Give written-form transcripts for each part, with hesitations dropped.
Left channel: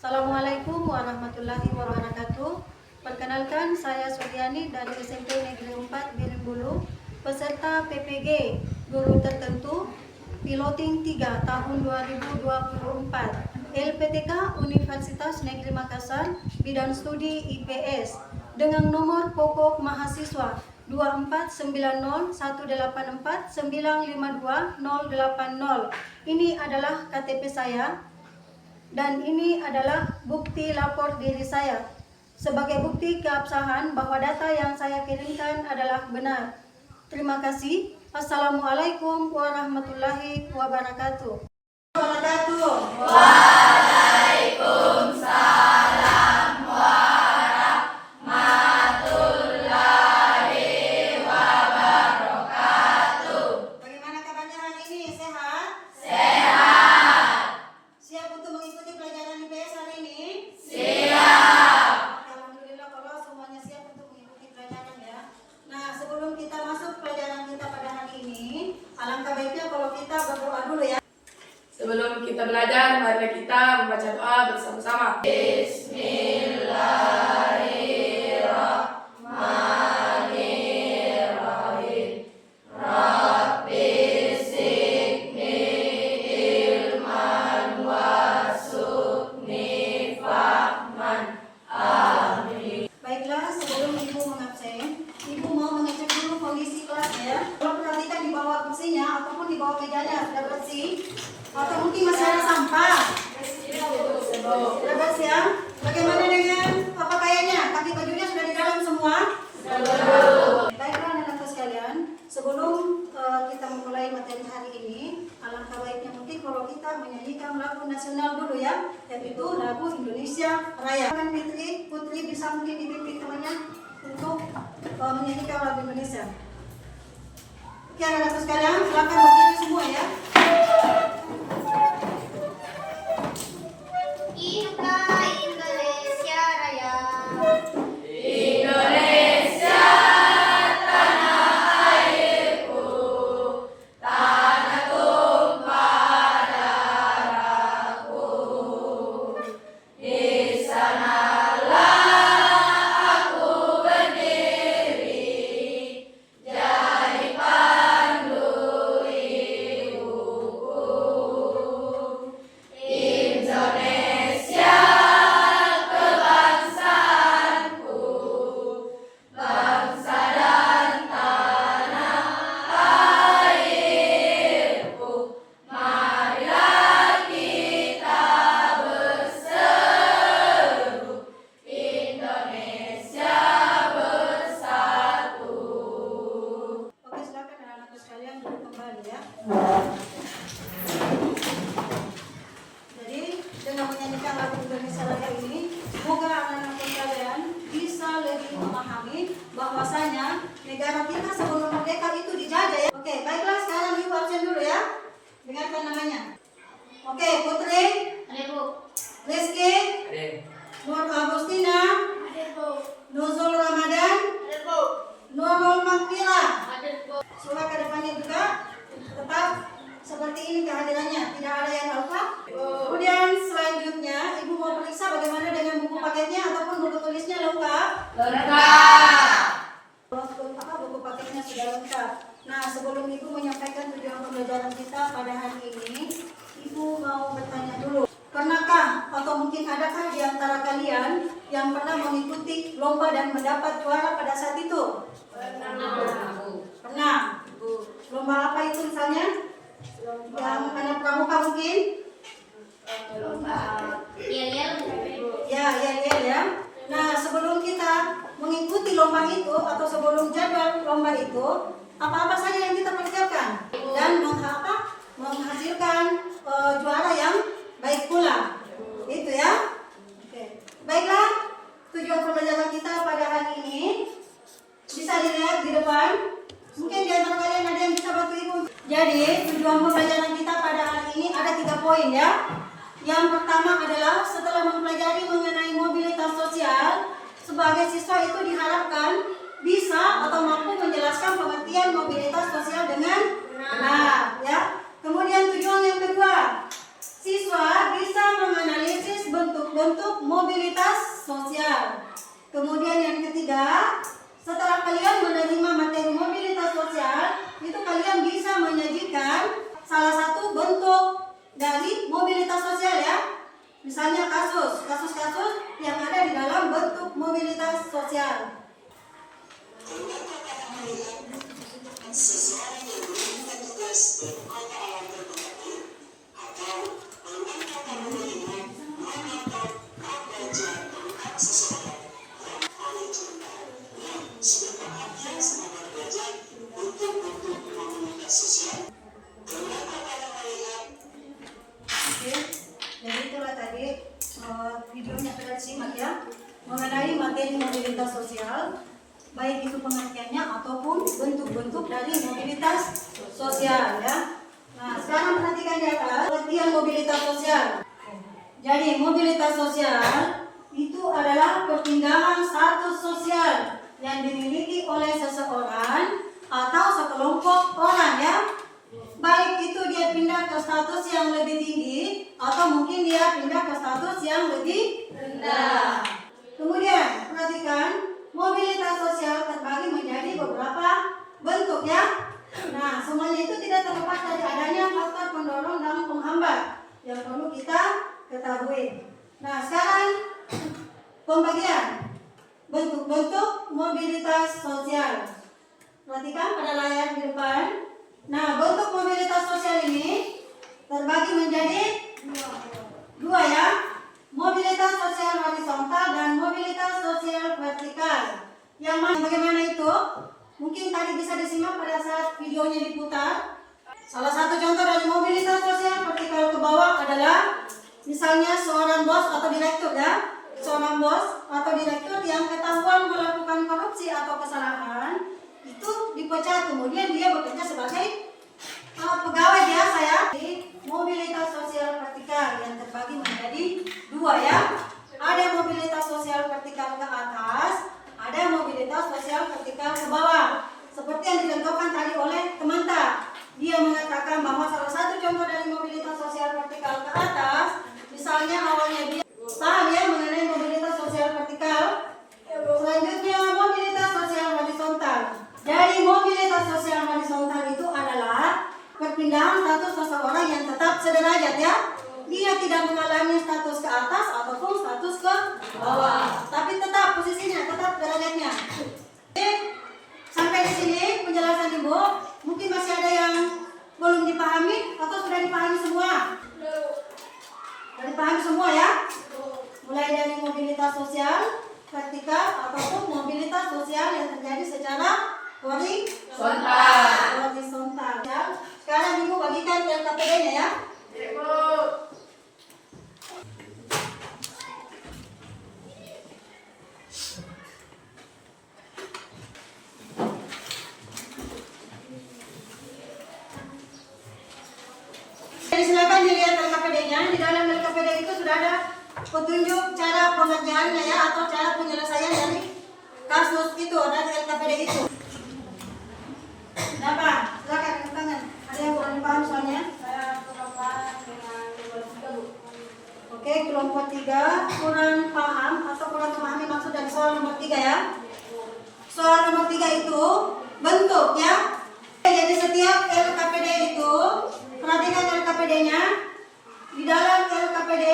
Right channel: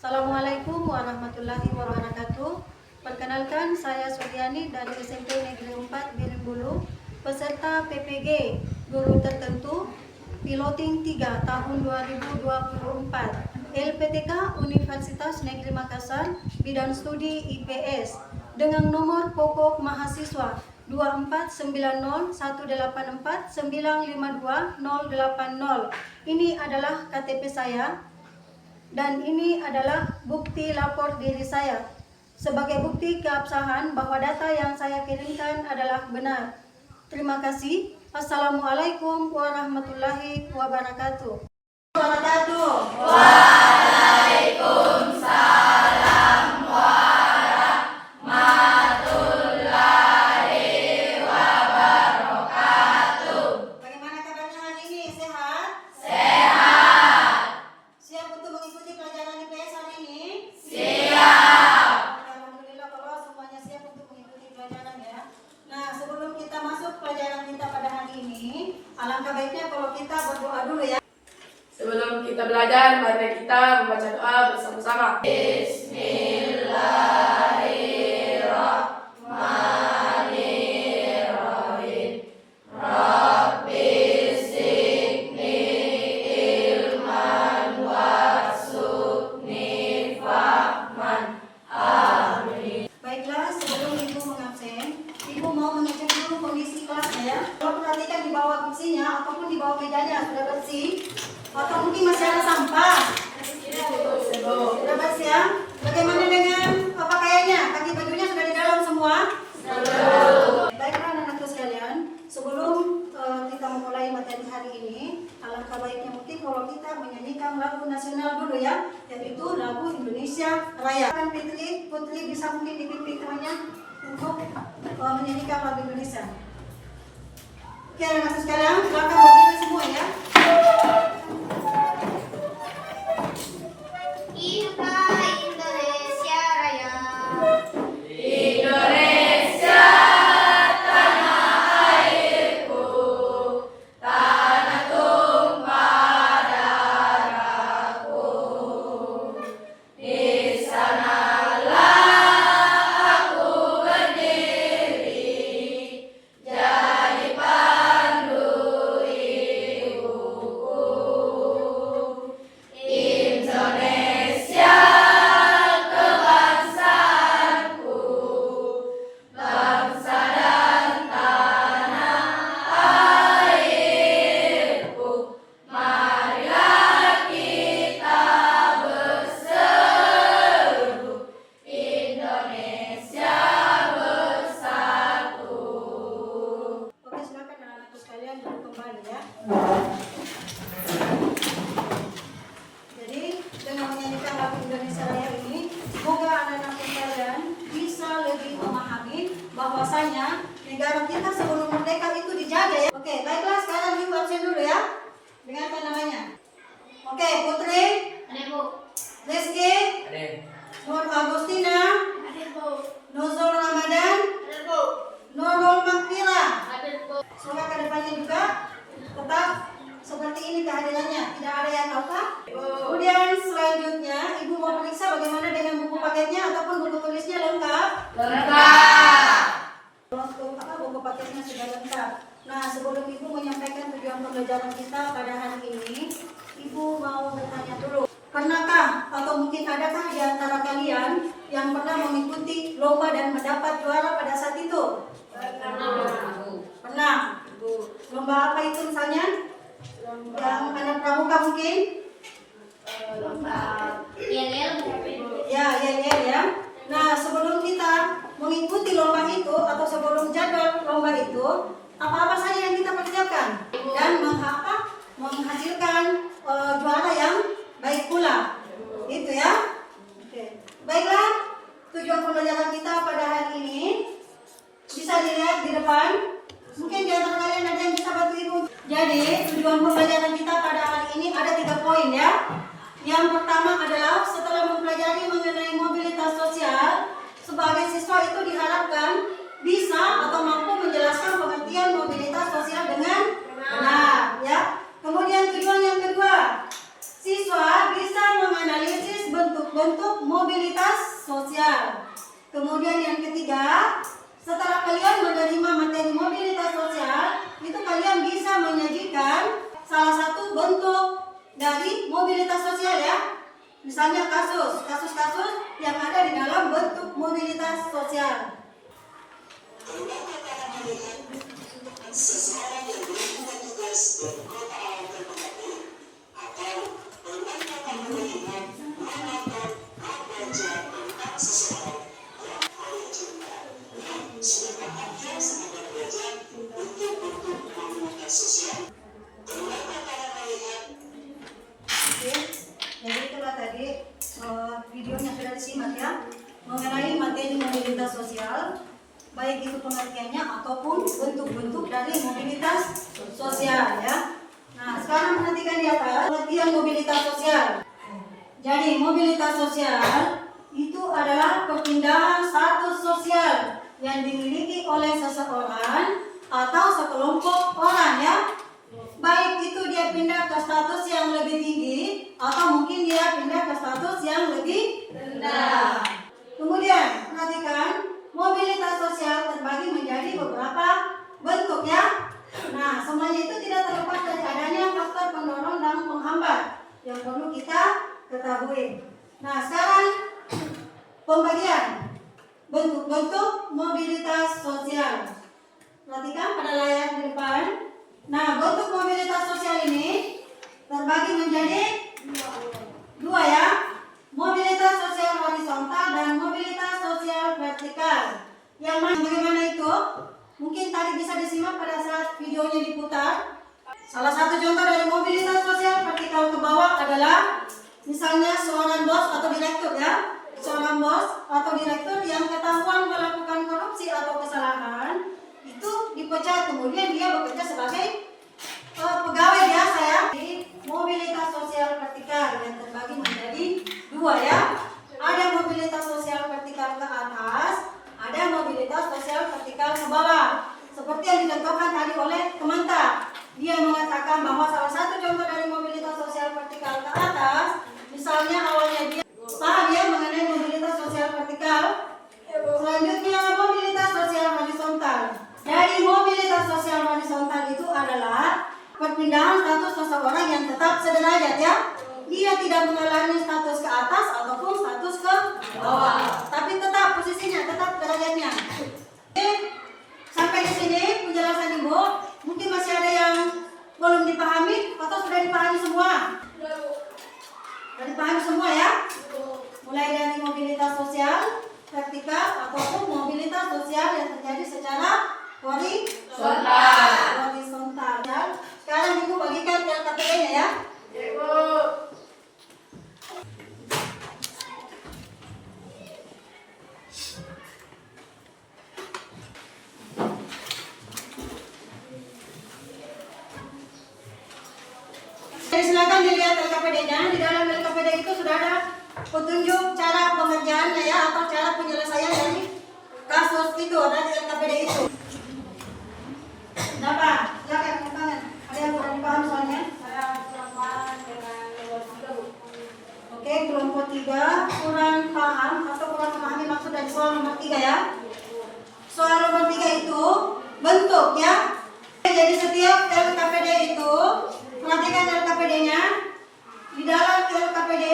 Assalamualaikum warahmatullahi wabarakatuh. Perkenalkan, saya Suryani dari SMP Negeri 4 Birimbulu, peserta PPG Guru Tertentu Piloting 3 tahun 2024 LPTK Universitas Negeri Makassar, bidang studi IPS, dengan nomor pokok mahasiswa 2498184952080. Ini adalah KTP saya. Dan ini adalah bukti lapor diri saya sebagai bukti keabsahan bahwa data yang saya kirimkan adalah benar. Terima kasih. Assalamualaikum warahmatullahi wabarakatuh. Waalaikumsalam warahmatullahi wabarakatuh. Bagaimana kabarnya hari ini? Sehat? Sehat. Siap untuk mengikuti pelajaran IPS hari ini? Siap. Alhamdulillah kalau semuanya siap untuk mengikuti pelajaran ya. Nah, sebelum kita masuk pelajaran kita pada hari ini, alangkah baiknya kalau kita berdoa dulu ya. Sebelum kita belajar, mari kita membaca doa bersama-sama. Bismillahirrahmanirrahim. Rabbi zidni ilman warzuqni fahman. Amin. Baiklah, sebelum Ibu mengabsen, Ibu mau mengecek dulu kondisi kelasnya ya. Kalau perhatikan di bawah kursinya ataupun di bawah mejanya sudah bersih, atau mungkin masih ada sampah. Sudah bersih ya. Bagaimana dengan pakaiannya? Kaki bajunya sudah di dalam semua? Baiklah anak-anakku sekalian, sebelum kita memulai materi hari ini, alangkah baiknya mungkin kalau kita menyanyikan lagu nasional dulu ya, yaitu lagu Indonesia Raya. Kan Putri bisa mungkin dibimbing temannya untuk menyanyikan lagu Indonesia. Oke anak-anakku sekalian, silakan berdiri semua ya. Kita Indonesia Raya. Indonesia tanah airku, tanah tumpah darahku. Di sanalah aku berdiri, jadi pandu ibuku. Indonesia kebangsaanku, bangsa dan tanah airku. Marilah kita berseru, Indonesia bersatu. Oke, silakan anak-anakku sekalian duduk kembali ya. Jadi dengan menyanyikan lagu Indonesia Raya ini, semoga anak-anakku sekalian bisa lebih memahami bahwasanya negara kita sebelum merdeka itu dijaga ya. Oke, baiklah sekarang Ibu absen dulu ya. Dengarkan namanya. Oke, Putri, Ada Bu. Rizky, Nur Agustina, Ada Bu. Nuzul Ramadan, Ada Bu. Nurul Makfira. Ada Bu. Semoga ke depannya juga tetap seperti ini kehadirannya, tidak ada yang alfa. Kemudian selanjutnya Ibu mau periksa bagaimana dengan buku paketnya ataupun buku tulisnya lengkap. Lengkap. Buku paketnya sudah lengkap. Nah, sebelum Ibu menyampaikan tujuan pembelajaran kita pada hari ini, Ibu mau bertanya dulu. Pernahkah atau mungkin adakah di antara kalian yang pernah mengikuti lomba dan mendapat juara pada saat itu? Pernah. Lomba apa itu misalnya? Yang anak pramuka mungkin? Yel-yel. Ya. Nah, sebelum kita mengikuti lomba itu atau sebelum jadwal lomba itu, apa-apa saja yang kita persiapkan dan menghasilkan juara yang baik pula. Itu ya. Oke. Baiklah, tujuan pembelajaran kita pada hari ini bisa dilihat di depan. Mungkin di antara kalian ada yang bisa bantu Ibu. Jadi, tujuan pembelajaran kita pada hari ini ada 3 poin ya. Yang pertama adalah setelah mempelajari mengenai mobilitas sosial, sebagai siswa itu diharapkan bisa atau mampu menjelaskan pengertian mobilitas sosial dengan benar ya. Kemudian tujuan yang kedua, siswa bisa menganalisis bentuk-bentuk Kemudian yang ketiga, setelah kalian menerima materi mobilitas sosial, itu kalian bisa menyajikan salah satu bentuk dari mobilitas sosial ya. Misalnya kasus-kasus yang ada di dalam bentuk mobilitas sosial. Seseorang yang melakukan tugas dari kota A ke kota B atau penandakan melihat menonton membaca tentang seseorang yang oleh cerita yang sudah bahagia semangat belajar untuk komunitas sosial. Beberapa kali melihat. Oke, jadi itulah tadi videonya sudah disimak ya, mengenai materi mobilitas sosial, baik itu pengertiannya ataupun bentuk-bentuk dari mobilitas sosial ya. Nah, sekarang perhatikan di atas pengertian mobilitas sosial. Jadi mobilitas sosial itu adalah perpindahan status sosial yang dimiliki oleh seseorang atau sekelompok orang ya. Baik itu dia pindah ke status yang lebih tinggi atau mungkin dia pindah ke status yang lebih rendah. Kemudian perhatikan, mobilitas sosial terbagi menjadi beberapa bentuk ya. Nah, semuanya itu tidak terlepas dari adanya faktor pendorong dan penghambat yang perlu kita ketahui. Nah, sekarang pembagian bentuk-bentuk mobilitas sosial. Perhatikan pada layar di depan. Nah, bentuk mobilitas sosial ini terbagi menjadi dua ya. Mobilitas sosial horizontal dan mobilitas sosial vertikal. Yang bagaimana itu? Mungkin tadi bisa disimak pada saat videonya diputar. Salah satu contoh dari mobilitas sosial vertikal ke bawah adalah misalnya seorang bos atau direktur ya. Seorang bos atau direktur yang ketahuan melakukan korupsi atau kesalahan itu dipecat, kemudian dia bekerja sebagai pegawai biasa ya. Di mobilitas sosial vertikal yang terbagi menjadi dua ya. Ada mobilitas sosial vertikal ke atas, ada mobilitas sosial vertikal ke bawah. Seperti yang dicontohkan tadi oleh Kementan. Dia mengatakan bahwa salah satu contoh dari mobilitas sosial vertikal ke atas, misalnya awalnya dia paham ya mengenai mobilitas sosial vertikal. Selanjutnya mobilitas sosial horizontal. Dari mobilitas sosial horizontal itu adalah perpindahan status seseorang yang tetap sederajat ya. Dia tidak mengalami status ke atas ataupun status ke bawah, tapi tetap posisinya, tetap derajatnya. Oke, sampai di sini penjelasan Ibu. Mungkin masih ada yang belum dipahami atau sudah dipahami semua? Sudah dipahami semua ya? Mulai dari mobilitas sosial vertikal ataupun mobilitas sosial yang terjadi secara horizontal. Sekarang Ibu bagikan LKPD-nya ya. Ibu. Jadi silakan dilihat LKPD-nya. Di dalam LKPD itu sudah ada petunjuk cara pengerjaannya ya, atau cara penyelesaian dari kasus itu dari LKPD itu. Kenapa? Silakan tangan. Ada yang kurang paham soalnya? Saya kurang paham dengan kelompok 3, Bu. Oke, kelompok 3 kurang paham atau kurang memahami maksud dari soal nomor 3 ya. Soal nomor 3 itu bentuk ya. Jadi setiap LKPD itu, perhatikan LKPD-nya. Di dalam LKPD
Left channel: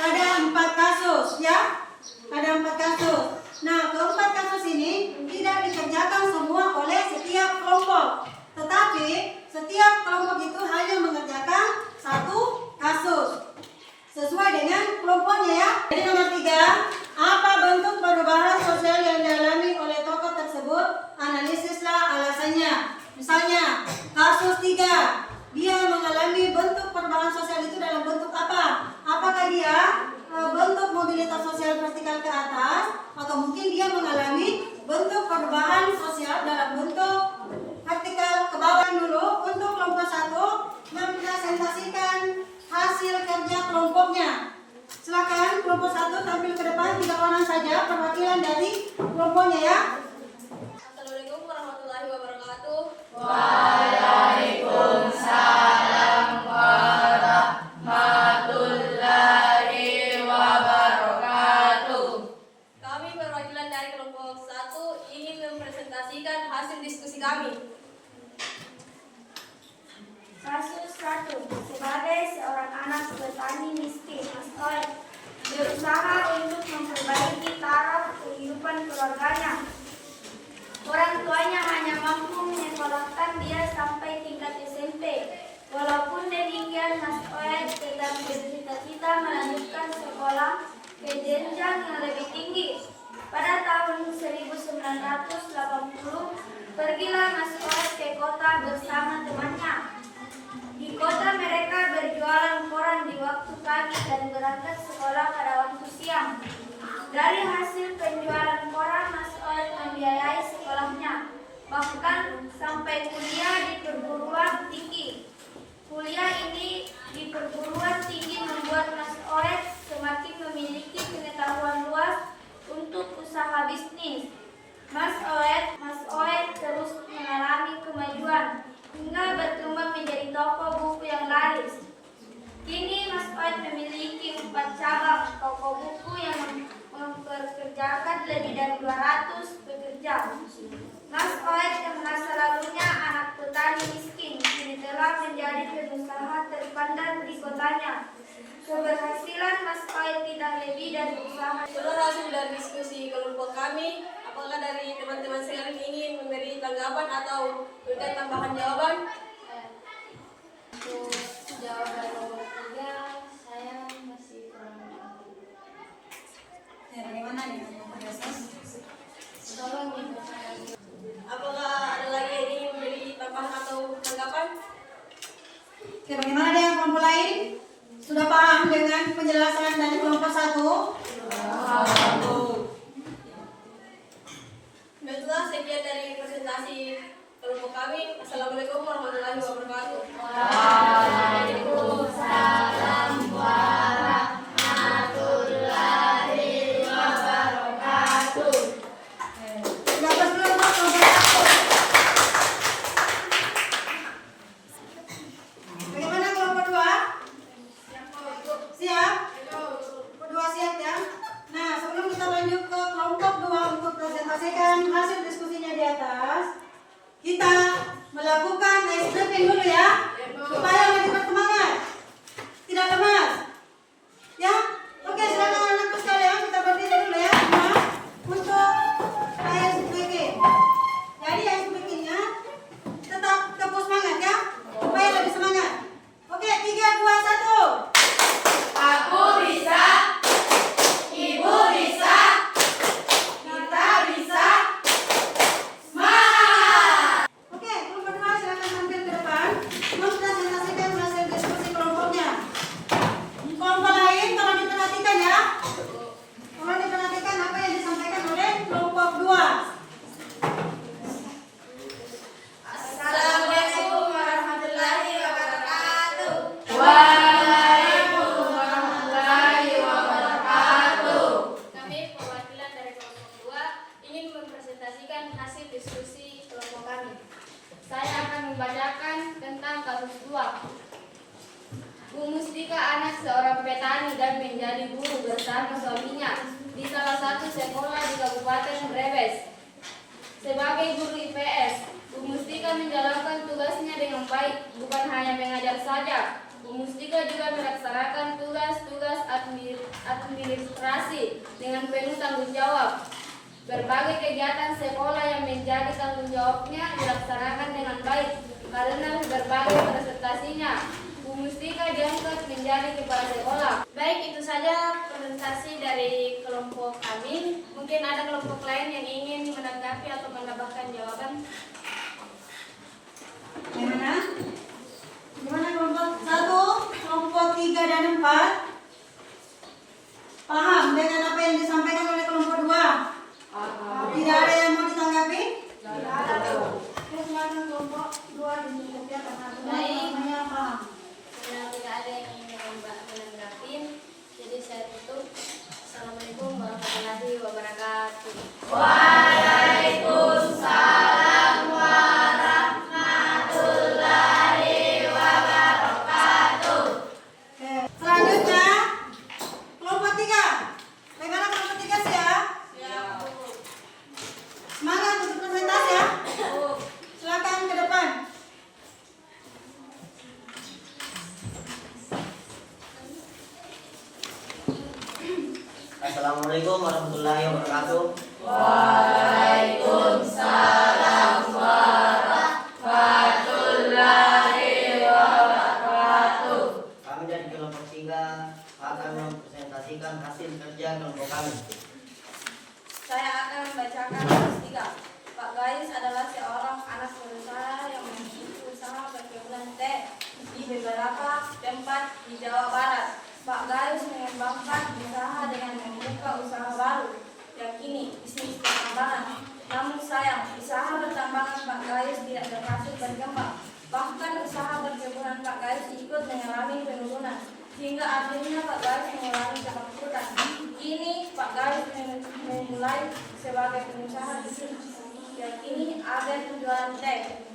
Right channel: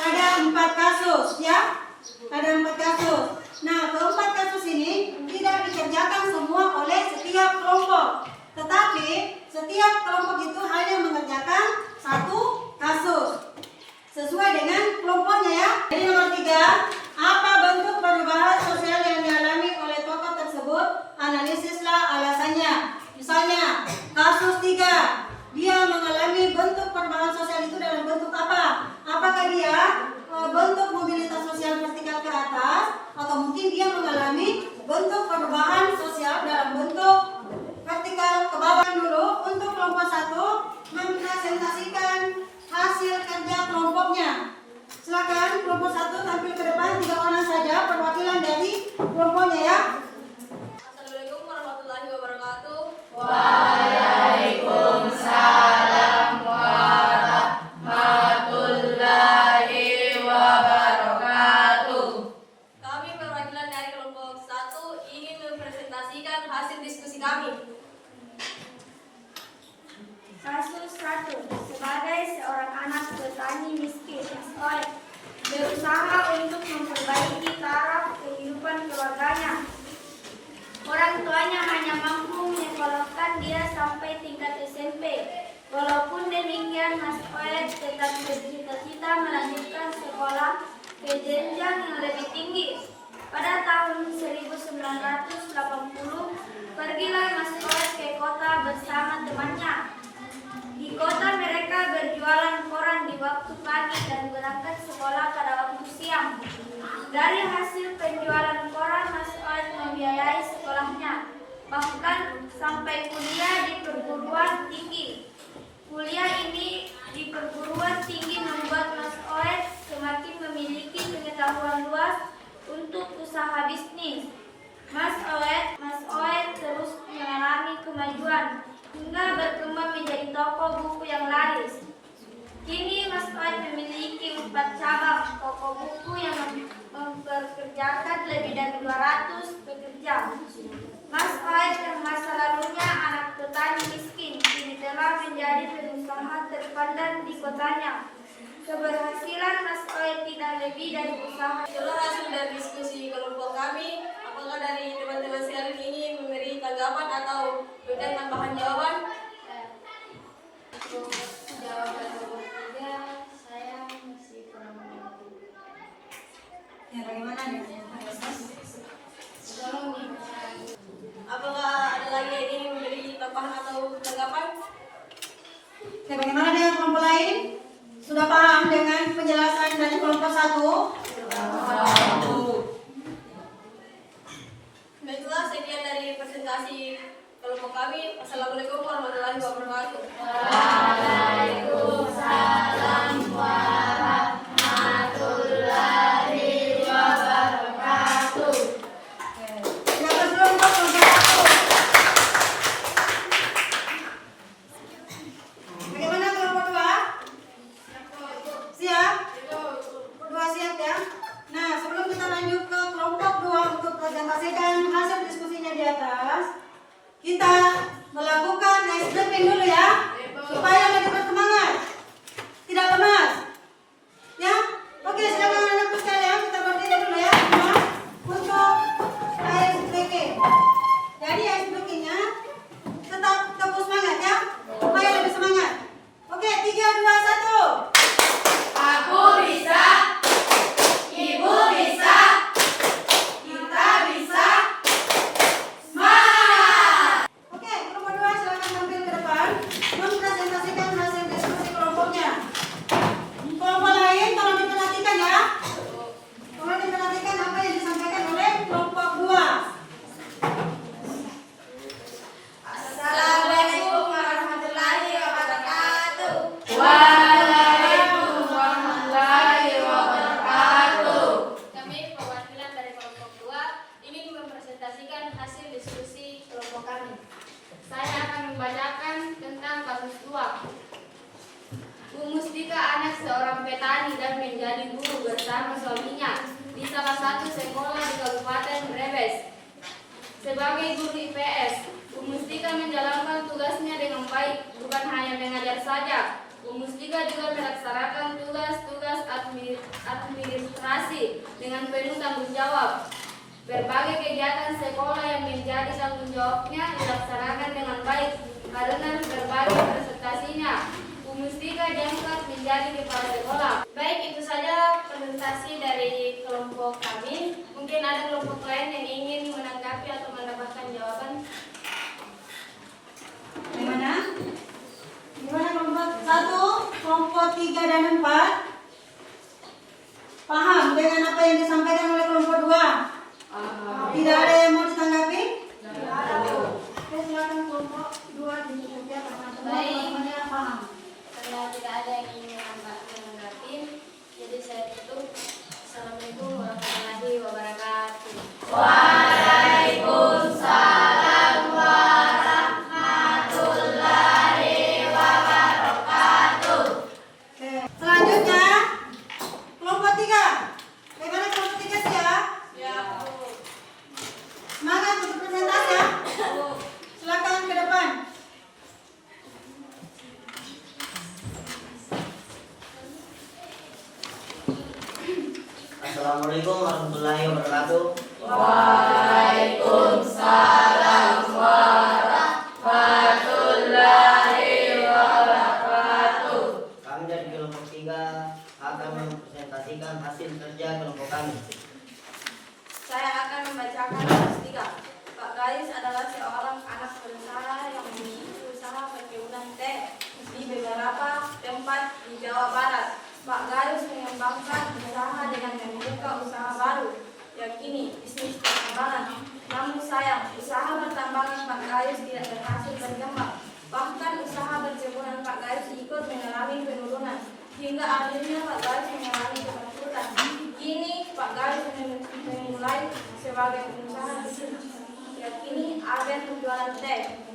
ada 4 kasus ya. Ada 4 kasus. Nah, keempat kasus ini tidak dikerjakan semua oleh setiap kelompok. Tetapi setiap kelompok itu hanya mengerjakan satu kasus sesuai dengan kelompoknya ya. Jadi nomor 3, apa bentuk perubahan sosial yang dialami oleh tokoh tersebut? Analisislah alasannya. Misalnya kasus 3, dia mengalami bentuk perubahan sosial itu dalam bentuk apa? Apakah dia bentuk mobilitas sosial vertikal ke atas, atau mungkin dia mengalami bentuk perubahan sosial dalam bentuk vertikal ke bawah? Dulu untuk kelompok 1 mempresentasikan hasil kerja kelompoknya. Silakan kelompok 1 tampil ke depan, 3 orang saja perwakilan dari kelompoknya ya. Assalamualaikum warahmatullahi wabarakatuh. Waalaikumsalam warahmatullahi wabarakatuh. Kami perwakilan dari petani miskin. Mas Oet berusaha untuk memperbaiki taraf kehidupan keluarganya. Orang tuanya hanya mampu menyekolahkan dia sampai tingkat SMP. Walaupun demikian, Mas Oet tetap bercita-cita melanjutkan sekolah ke jenjang yang lebih tinggi. Pada tahun 1980, pergilah Mas Oet ke kota bersama temannya. Di kota mereka berjualan koran di waktu pagi dan berangkat sekolah pada waktu siang. Dari hasil penjualan koran, Mas Oet membiayai sekolahnya, bahkan sampai kuliah di perguruan tinggi. Kuliah ini di perguruan tinggi membuat Mas Oet semakin memiliki pengetahuan luas untuk usaha bisnis. Mas Oet terus mengalami kemajuan hingga berkembang menjadi toko buku yang laris. Kini Mas Oet memiliki 4 cabang toko buku yang mempekerjakan lebih dari 200 pekerja. Mas Oet yang masa lalunya anak petani miskin kini telah menjadi pengusaha terpandang di kotanya. Keberhasilan Mas Oet tidak lebih dari usaha. Itulah hasil dari diskusi kelompok kami. Apakah dari teman-teman sekalian ingin memberi tanggapan atau memberikan tambahan jawaban? Untuk jawaban nomor 3, saya masih kurang mengerti. Bagaimana nih? Tolong dibacakan. Apakah ada lagi yang ingin memberi tambahan atau tanggapan? Oke, bagaimana dengan kelompok lain? Sudah paham dengan penjelasan dari kelompok 1? Baiklah, sekian dari presentasi kelompok kami. Assalamualaikum warahmatullahi wabarakatuh. Waalaikumsalam warahmatullahi wabarakatuh. Yang kedua untuk kelompok 1. Bagaimana kelompok 2? Siap? Kelompok 2 siap ya? Nah, sebelum kita lanjut ke kelompok 2 untuk presentasikan hasil diskusinya di atas, kita melakukan ice breaking dulu ya, supaya lebih bersemangat, tidak lemas. Ya, oke, silakan anak-anak sekalian, kita berdiri dulu ya, semua, untuk ice breaking. Jadi ice breakingnya tetap teguh semangat ya, supaya lebih semangat. Oke, 3, 2, 1. Aku bisa, ibu bisa, kita bisa. Semangat! Oke, kelompok 2 silakan tampil ke depan mempresentasikan hasil diskusi kelompoknya. Kelompok lain tolong diperhatikan ya. Tolong diperhatikan apa yang disampaikan oleh kelompok 2. Assalamualaikum warahmatullahi wabarakatuh. Waalaikumsalam warahmatullahi wabarakatuh. Kami perwakilan dari kelompok 2 ingin mempresentasikan hasil diskusi kelompok kami. Saya akan membacakan tentang kasus 2. Bu Mustika anak seorang petani dan menjadi guru bersama suaminya di salah satu sekolah di Kabupaten Brebes. Sebagai guru IPS, Bu Mustika menjalankan tugasnya dengan baik, bukan hanya mengajar saja. Bu Mustika juga melaksanakan tugas-tugas administrasi dengan penuh tanggung jawab. Berbagai kegiatan sekolah yang menjadi tanggung jawabnya dilaksanakan dengan baik karena berbagai presentasinya. Bu Mustika diangkat menjadi kepala sekolah. Baik, itu saja presentasi dari kelompok kami. Mungkin ada kelompok lain yang ingin menanggapi atau menambahkan jawaban. Gimana? Gimana kelompok 1, kelompok 3 dan 4? Paham dengan apa yang disampaikan oleh kelompok 2? Tidak ada yang mau ditanggapi? Oke, silakan kelompok 2 dikerjakan. Semuanya paham. Karena tidak ada yang ingin menanggapi, jadi saya tutup. Assalamualaikum warahmatullahi wabarakatuh. Waalaikumsalam warahmatullahi wabarakatuh. Oke, selanjutnya Assalamualaikum warahmatullahi wabarakatuh. Waalaikumsalam warahmatullahi wabarakatuh. Kami dari kelompok 3 akan mempresentasikan hasil kerja kelompok kami. Saya akan membacakan tugas 3. Pak Gayus adalah seorang anak berusaha yang memiliki usaha perkebunan teh di beberapa tempat di Jawa Barat. Pak Gayus mengembangkan usaha dengan membuka usaha baru, yakni bisnis pertambangan. Namun sayang, usaha pertambangan Pak Gayus tidak berhasil berkembang. Bahkan usaha perkebunan Pak Gayus ikut mengalami penurunan, hingga akhirnya Pak Gayus mengalami kebangkrutan. Kini Pak Gayus memulai sebagai pengusaha bisnis, yakni agen penjualan teh.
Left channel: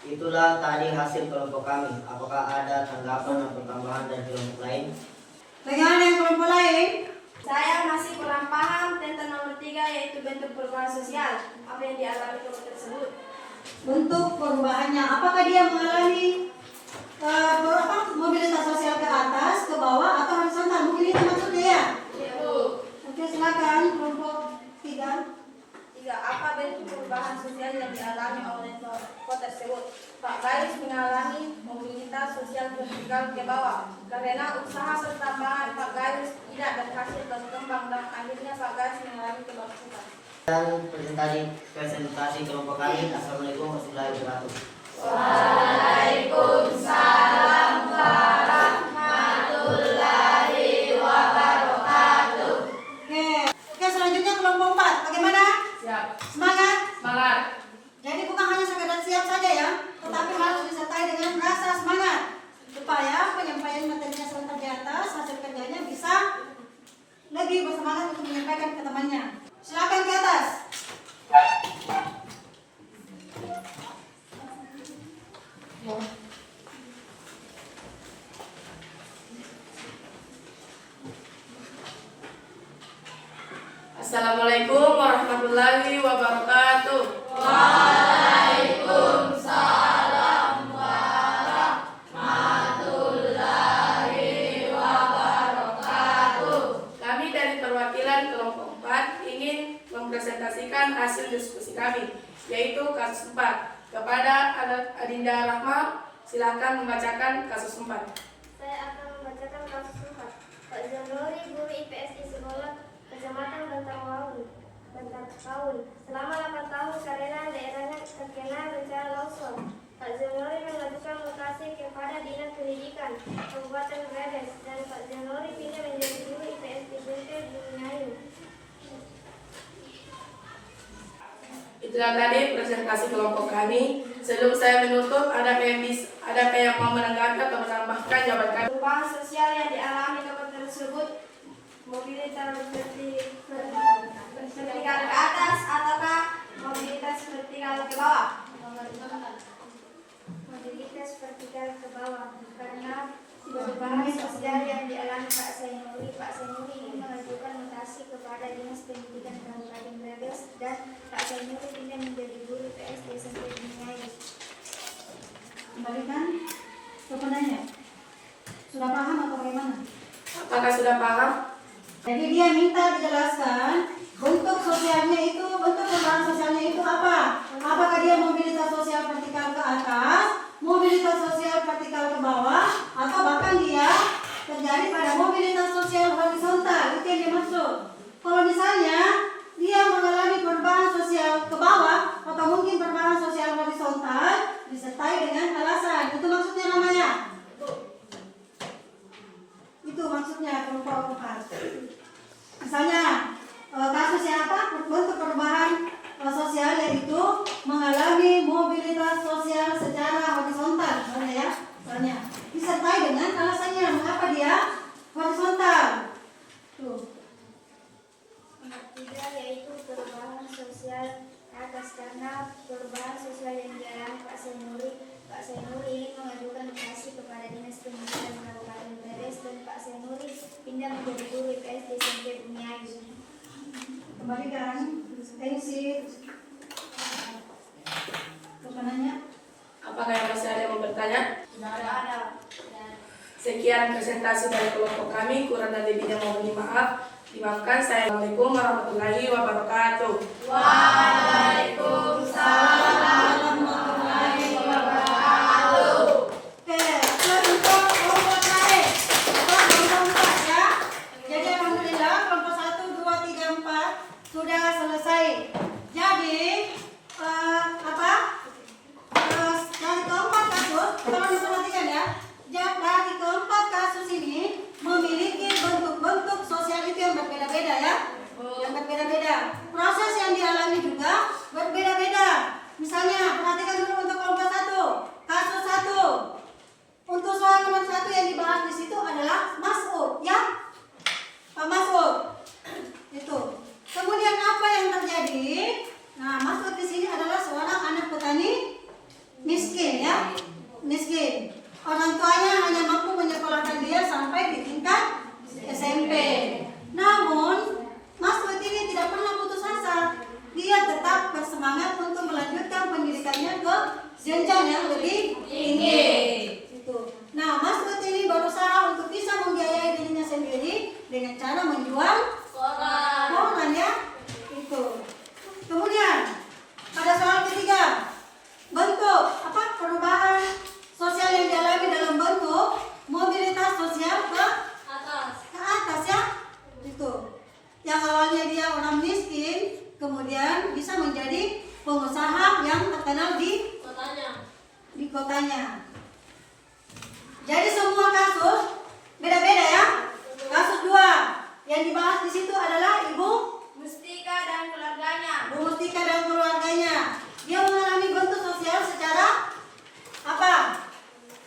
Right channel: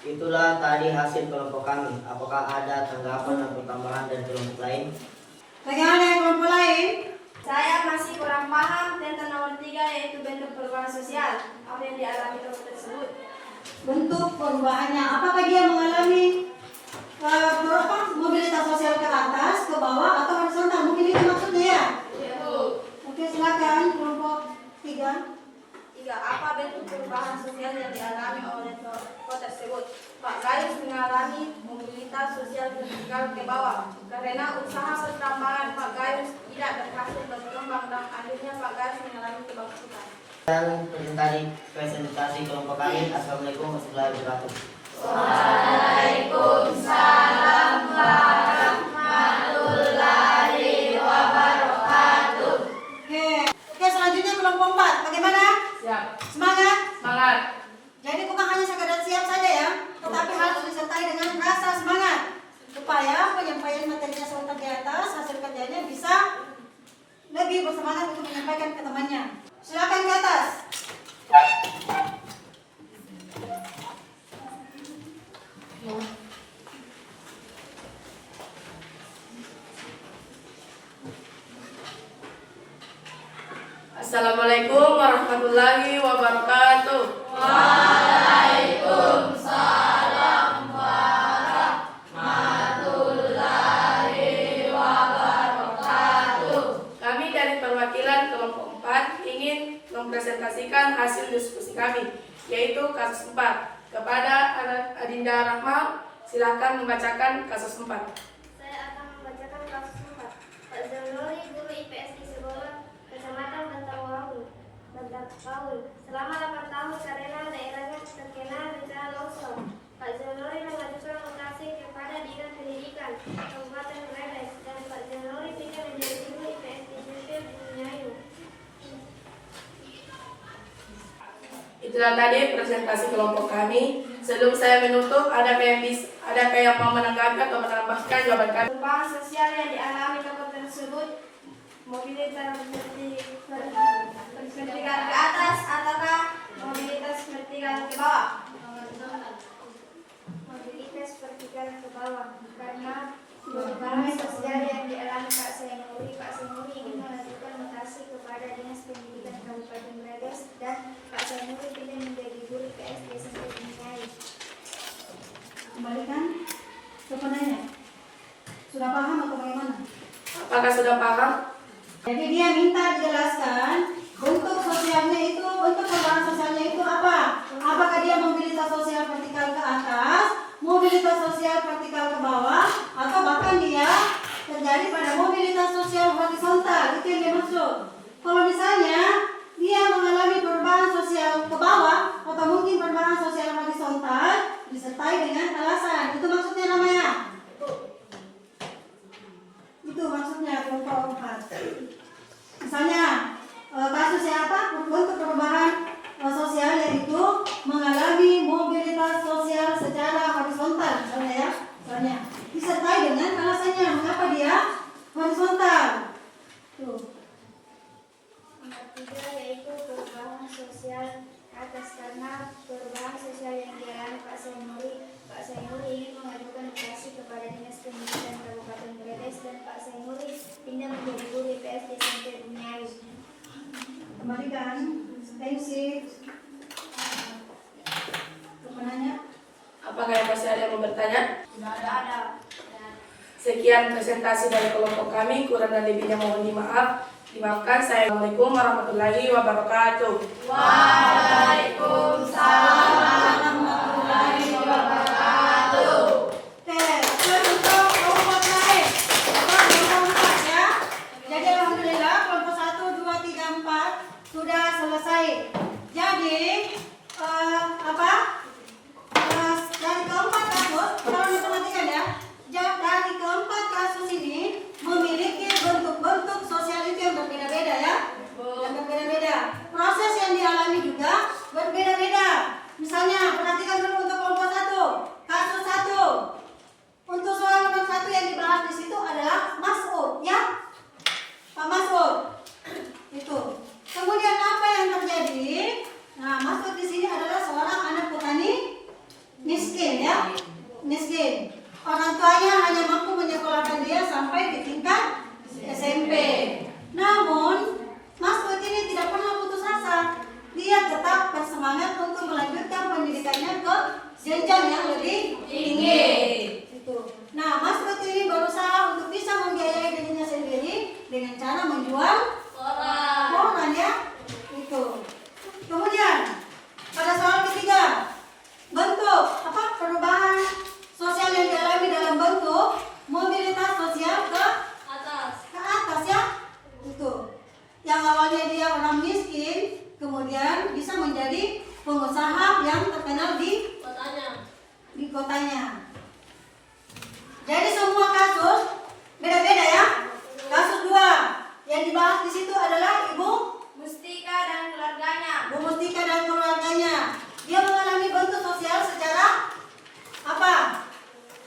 Itulah tadi hasil kelompok kami. Apakah ada tanggapan atau tambahan dari kelompok lain? Bagaimana yang kelompok lain? Saya masih kurang paham tentang nomor 3, yaitu bentuk perubahan sosial. Apa yang dialami kelompok tersebut? Bentuk perubahannya, apakah dia mengalami mobilitas sosial ke atas, ke bawah, atau horizontal? Mungkin itu maksudnya ya? Oke, silakan kelompok 3. 3. Apa bentuk perubahan sosial yang dialami oleh kelompok tersebut? Pak Gayus mengalami mobilitas sosial vertikal ke bawah karena usaha pertambangan Pak Gayus tidak berhasil berkembang dan akhirnya Pak Gayus mengalami kebangkrutan. Dan presentasi kelompok kami. Assalamualaikum warahmatullahi wabarakatuh. Waalaikumsalam warahmatullahi wabarakatuh. Oke, selanjutnya kelompok 4. Bagaimana? Siap. Semangat. Semangat. Jadi bukan hanya sekadar siap saja ya, tetapi harus disertai dengan rasa semangat supaya penyampaian materinya sebentar di atas, hasil kerjanya bisa lebih bersemangat untuk menyampaikan ke temannya. Silakan ke atas. Assalamualaikum warahmatullahi wabarakatuh. Waalaikumsalam warahmatullahi wabarakatuh. Kami dari perwakilan kelompok 4 ingin mempresentasikan hasil diskusi kami, yaitu kasus 4. Kepada Adinda Rahma, silakan membacakan kasus 4. Saya akan membacakan kasus 4. Pak Zanuri, guru IPS di sekolah Kecamatan Bantarpaul, selama 8 tahun karena daerahnya terkena bencana longsor. Pak Zanuri mengajukan lokasi kepada Dinas Pendidikan Kabupaten Brebes dan Pak Zanuri pindah menjadi guru IPS di SMP Bunayu. Itulah tadi presentasi kelompok kami. Sebelum saya menutup, adakah yang mau menanggapi atau menambahkan jawaban kami? Perubahan sosial yang dialami tokoh tersebut, mobilitas vertikal ke atas ataukah mobilitas vertikal ke bawah? Mobilitas vertikal ke bawah karena perubahan sosial yang dialami Pak Senuri ingin mengajukan notasi kepada Dinas Pendidikan Kabupaten Brebes dan Pak Senuri pindah menjadi guru PS di SMP Bunayu. Kembalikan ke penanya. Sudah paham atau bagaimana? Apakah sudah paham? Jadi dia minta dijelaskan bentuk sosialnya itu, bentuk perubahan sosialnya itu apa? Apakah dia mobilitas sosial vertikal ke atas, mobilitas sosial vertikal ke bawah, atau bahkan dia terjadi pada mobilitas sosial horizontal? Itu yang dimaksud. Kalau misalnya dia mengalami perubahan sosial ke bawah atau mungkin perubahan sosial horizontal disertai dengan alasan, itu maksudnya namanya. Itu maksudnya kelompok 4. Misalnya kasusnya apa? Bentuk perubahan sosial yaitu mengalami mobilitas sosial secara horizontal, misalnya ya, misalnya disertai dengan alasannya mengapa dia horizontal. Tuh. Nomor 3 yaitu perubahan sosial atas karena perubahan sosial yang dialami Pak Senuri. Pak Senuri ingin mengajukan notasi kepada Dinas Pendidikan Kabupaten Brebes dan Pak Senuri pindah menjadi guru IPS di SMP Bunayu. Kembalikan tensi ke penanya. Apakah yang masih ada yang mau bertanya? Tidak ada. Sekian presentasi dari kelompok kami, kurang dan lebihnya mohon dimaaf. Dimaafkan. Assalamualaikum warahmatullahi wabarakatuh. Oke, siap untuk kelompok lain. Kelompok 4 ya. Jadi alhamdulillah kelompok 1, 2, 3, 4 sudah selesai. Jadi dari keempat kasus, tolong diperhatikan ya. Dari keempat kasus ini memiliki bentuk-bentuk sosial itu yang berbeda-beda ya. Yang berbeda-beda. Proses yang dialami juga berbeda-beda. Misalnya, perhatikan dulu untuk kelompok 1. Kasus 1. Untuk soal nomor 1 yang dibahas di situ adalah Mas'ud, ya. Pak Mas'ud. Itu. Kemudian apa yang terjadi? Nah, Mas'ud di sini adalah seorang anak petani miskin, ya. Miskin. Orang tuanya hanya mampu menyekolahkan dia sampai di tingkat SMP. Namun, Mas'ud ini tidak pernah putus asa. Dia tetap bersemangat untuk melanjutkan pendidikannya ke jenjang yang lebih tinggi. Itu. Nah, Mas'ud ini berusaha untuk bisa membiayai dirinya sendiri dengan cara menjual koran ya. Itu. Kemudian pada soal ketiga, bentuk perubahan sosial yang dialami dalam bentuk mobilitas sosial ke atas ya. Itu. Yang awalnya dia orang miskin, kemudian bisa menjadi pengusaha yang terkenal di kotanya. Jadi semua kasus beda-beda ya. Kasus 2 yang dibahas di situ adalah Ibu Mustika dan keluarganya. Bu Mustika dan keluarganya. Dia mengalami bentuk sosial secara apa?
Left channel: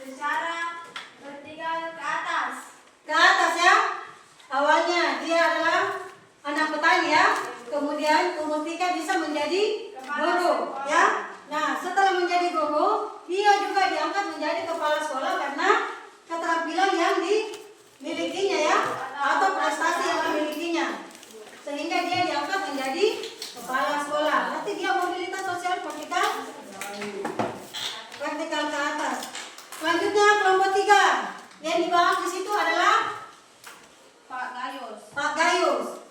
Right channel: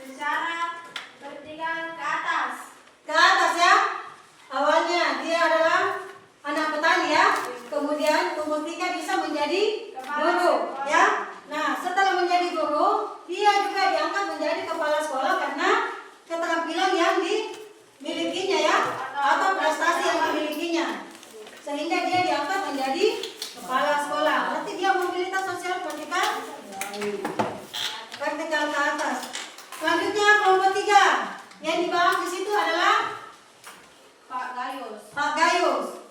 Secara vertikal ke atas. Ke atas ya. Awalnya dia adalah anak petani ya. Kemudian Bu Mustika bisa menjadi guru ya. Nah, setelah menjadi guru, dia juga diangkat menjadi kepala sekolah karena keterampilan yang dimilikinya ya, atau prestasi yang dimilikinya. Sehingga dia diangkat menjadi kepala sekolah. Berarti dia mobilitas sosial vertikal ke atas. Selanjutnya kelompok 3 yang dibahas di situ adalah Pak Gayus.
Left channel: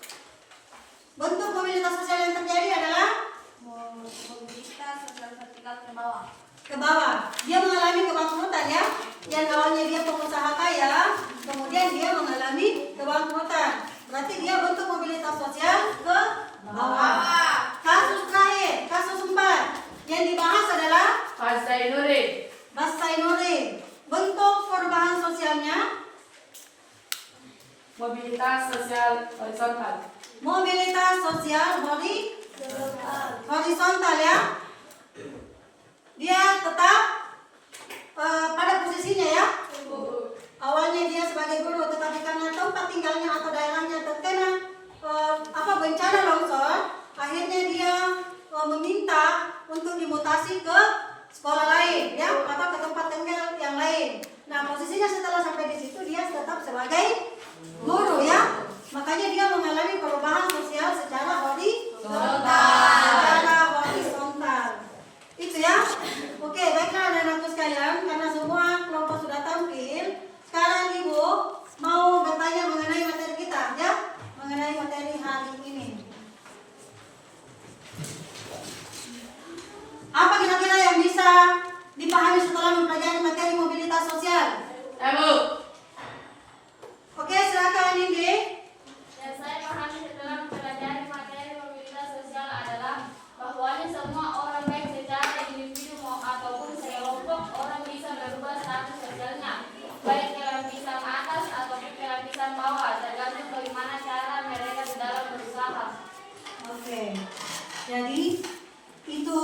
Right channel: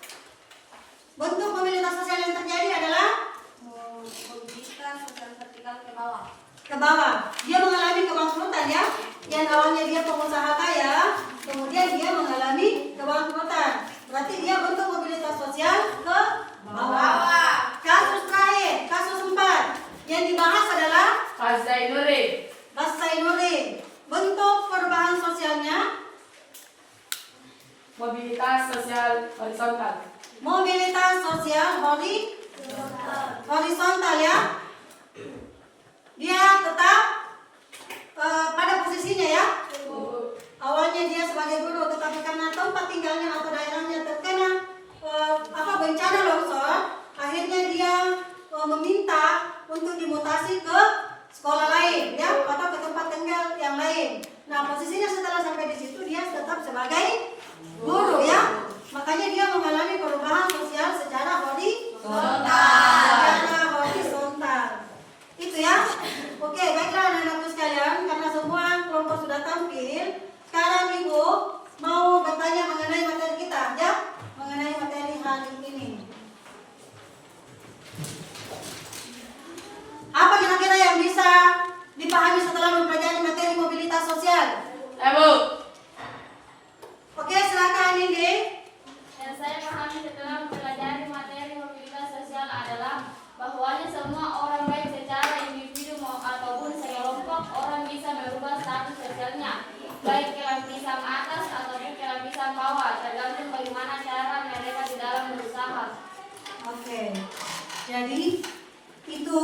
Bentuk mobilitas sosial yang terjadi adalah Mobilitas sosial vertikal ke bawah. ke bawah. Dia mengalami kebangkrutan ya. Yang awalnya dia pengusaha kaya, kemudian dia mengalami kebangkrutan. Berarti dia bentuk mobilitas sosial ke bawah. Kasus terakhir, kasus 4 yang dibahas adalah Pak Zainuddin. Mas Zainuddin. Bentuk perubahan sosialnya Mobilitas sosial horizontal. mobilitas sosial horizontal ya. Dia tetap pada posisinya ya. Awalnya dia sebagai guru, tetapi karena tempat tinggalnya atau daerahnya terkena bencana longsor, akhirnya dia meminta untuk dimutasi ke sekolah lain ya, atau ke tempat tinggal yang lain. Nah, posisinya setelah sampai di situ dia tetap sebagai guru ya. Makanya dia mengalami perubahan sosial secara horizontal. Itu ya. Oke, baiklah anak-anakku sekalian, karena semua kelompok sudah tampil, sekarang Ibu mau bertanya mengenai materi kita ya, mengenai materi hari ini. Apa kira-kira yang bisa dipahami setelah mempelajari materi mobilitas sosial? Bu. Oke, silakan Indri. Yang saya pahami setelah mempelajari materi mobilitas sosial adalah bahwanya semua orang baik secara individu ataupun sekelompok orang bisa merubah status sosialnya, baik ke lapisan atas ataupun ke lapisan bawah, tergantung bagaimana cara mereka di dalam berusaha. Oke. Jadi itu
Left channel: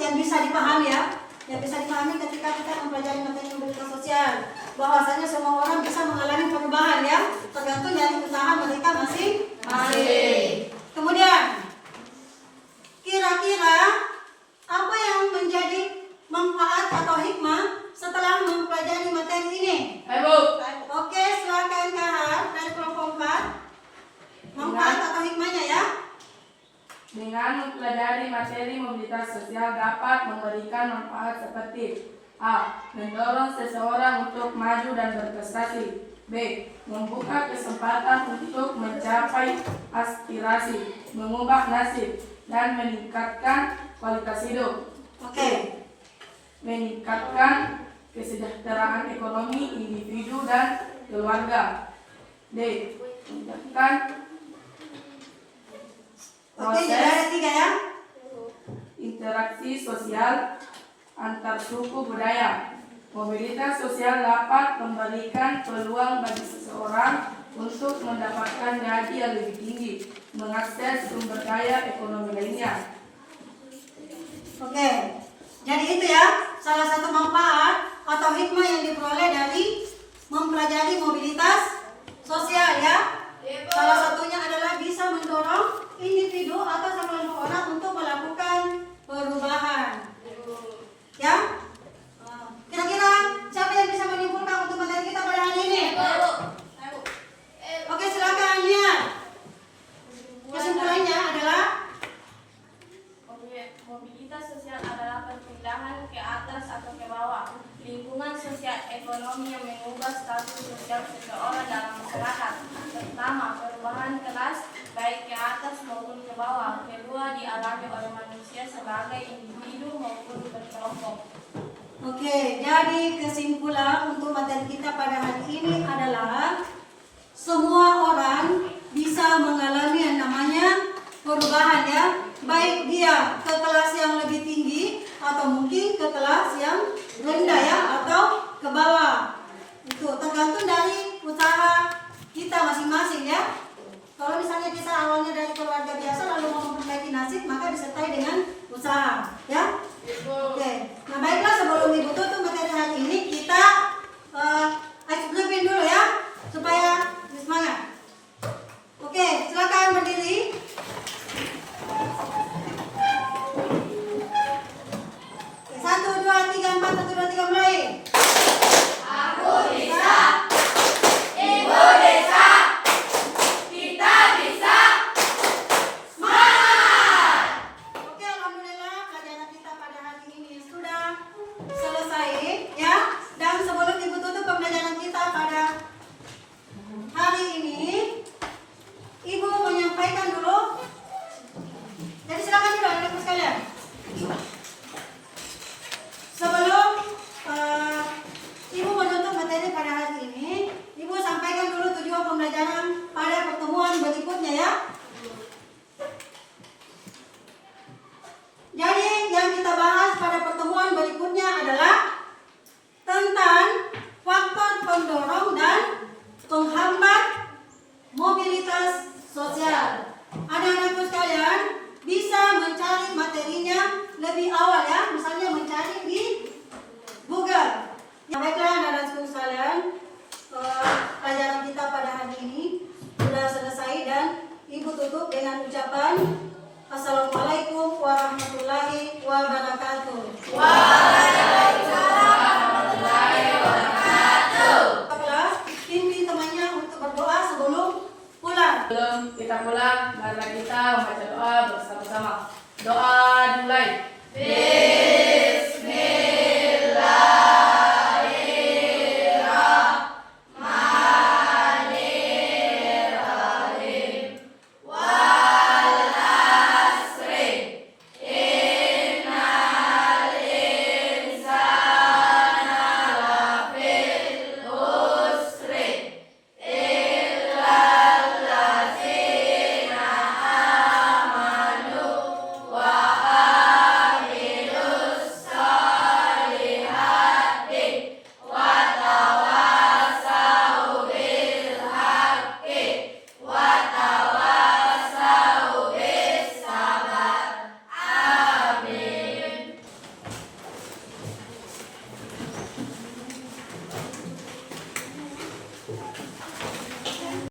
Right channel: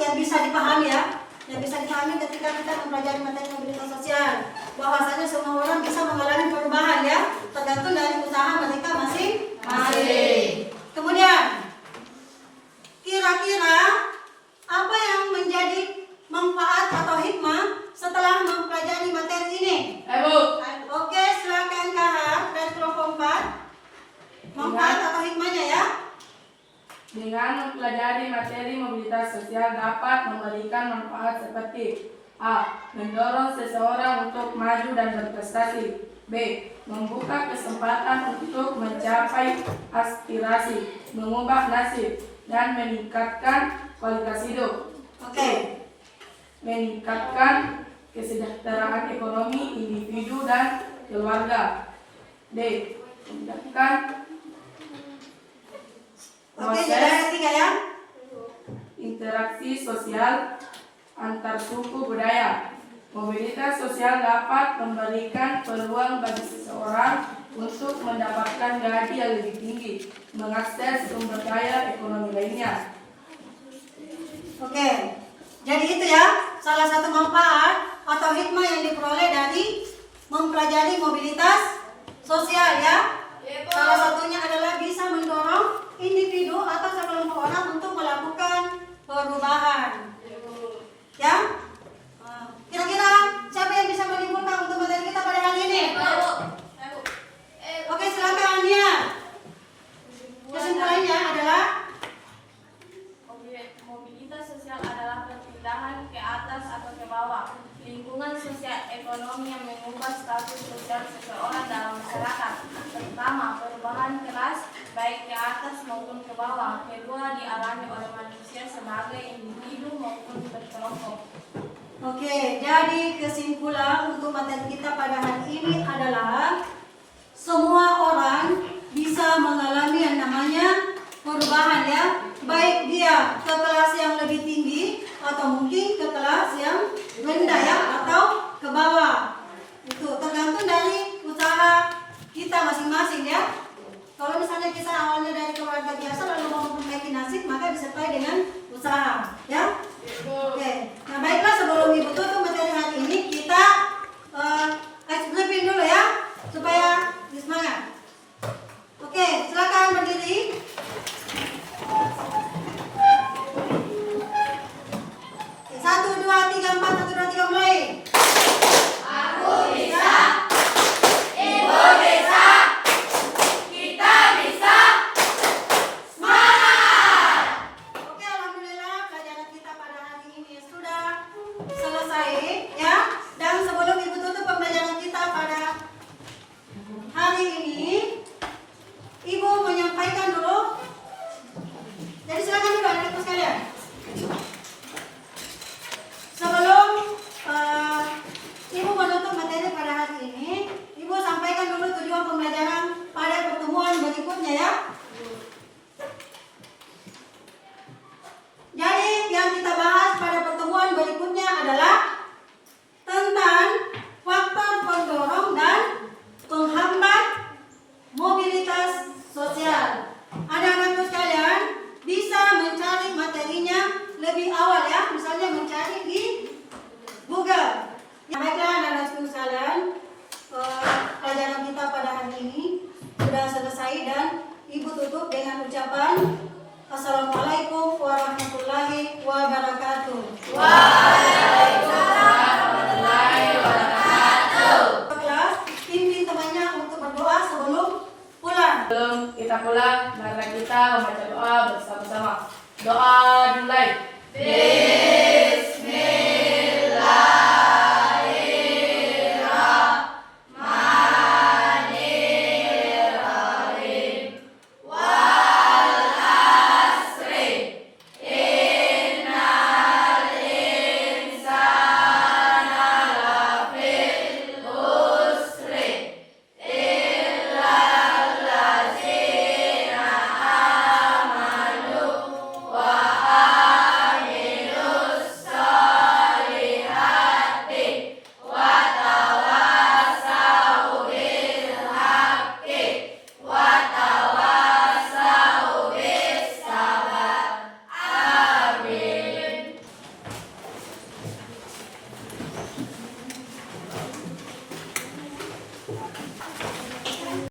yang bisa dipahami ya. Yang bisa dipahami ketika kita mempelajari materi mobilitas sosial, bahwasanya semua orang bisa mengalami perubahan ya, tergantung dari usaha mereka masing-masing. Kemudian kira-kira apa yang menjadi manfaat atau hikmah setelah mempelajari materi ini? Bu. Oke, silakan Kahar dari kelompok 4. Manfaat atau hikmahnya ya? Dengan mempelajari materi mobilitas sosial dapat memberikan manfaat seperti A. mendorong seseorang untuk maju dan berprestasi. B. Membuka kesempatan untuk mencapai aspirasi, mengubah nasib, dan meningkatkan kualitas hidup. Oke. Meningkatkan kesejahteraan ekonomi individu dan keluarga. D. Meningkatkan Oke, jadi ada 3 ya. interaksi sosial antar suku budaya. Mobilitas sosial dapat memberikan peluang bagi seseorang untuk mendapatkan gaji yang lebih tinggi, mengakses sumber daya ekonomi lainnya. Oke. Jadi itu ya, salah satu manfaat atau hikmah yang diperoleh dari mempelajari mobilitas sosial ya. Salah satunya adalah bisa mendorong individu atau sekelompok orang untuk melakukan perubahan. Ya? Kira-kira siapa yang bisa menyimpulkan untuk materi kita pada hari ini? Oke, silakan ya. Kesimpulannya adalah Mobilitas sosial adalah perpindahan ke atas atau ke bawah lingkungan sosial ekonomi yang mengubah status sosial seseorang dalam masyarakat. Pertama, perubahan kelas baik ke atas maupun ke bawah. Kedua, dialami oleh manusia sebagai individu maupun berkelompok. Oke, jadi kesimpulan untuk materi kita pada hari ini adalah semua orang bisa mengalami yang namanya perubahan ya, baik dia ke kelas yang lebih tinggi atau mungkin ke kelas yang rendah ya, atau ke bawah. Itu tergantung dari usaha kita masing-masing ya. Kalau misalnya kita awalnya dari keluarga biasa lalu mau memperbaiki nasib, maka disertai dengan usaha ya. Oke, nah baiklah, sebelum Ibu tutup materi hari ini, kita briefing dulu ya, supaya semangat. Oke, silakan berdiri. Oke, 1, 2, 3, 4, 1, 2, 3, mulai. Aku bisa, Ibu bisa, kita bisa. Oke, alhamdulillah pelajaran kita pada hari ini sudah selesai ya. Dan sebelum Ibu tutup pembelajaran kita pada hari ini, Ibu menyampaikan dulu. Jadi silakan dulu anak-anak sekalian. Sebelum Ibu menutup materi pada hari ini, Ibu sampaikan dulu tujuan pembelajaran pada pertemuan berikutnya ya. Jadi yang kita bahas pada pertemuan berikutnya adalah tentang faktor pendorong dan penghambat mobilitas sosial. Anak-anakku sekalian bisa mencari materinya lebih awal ya, misalnya mencari di Google. Ya, baiklah anak-anakku sekalian, pelajaran kita pada hari ini sudah selesai dan Ibu tutup dengan ucapan Assalamualaikum warahmatullahi wabarakatuh. Kelas pimpin temannya untuk berdoa sebelum pulang. Sebelum kita pulang, mari kita membaca doa bersama-sama. Doa dimulai.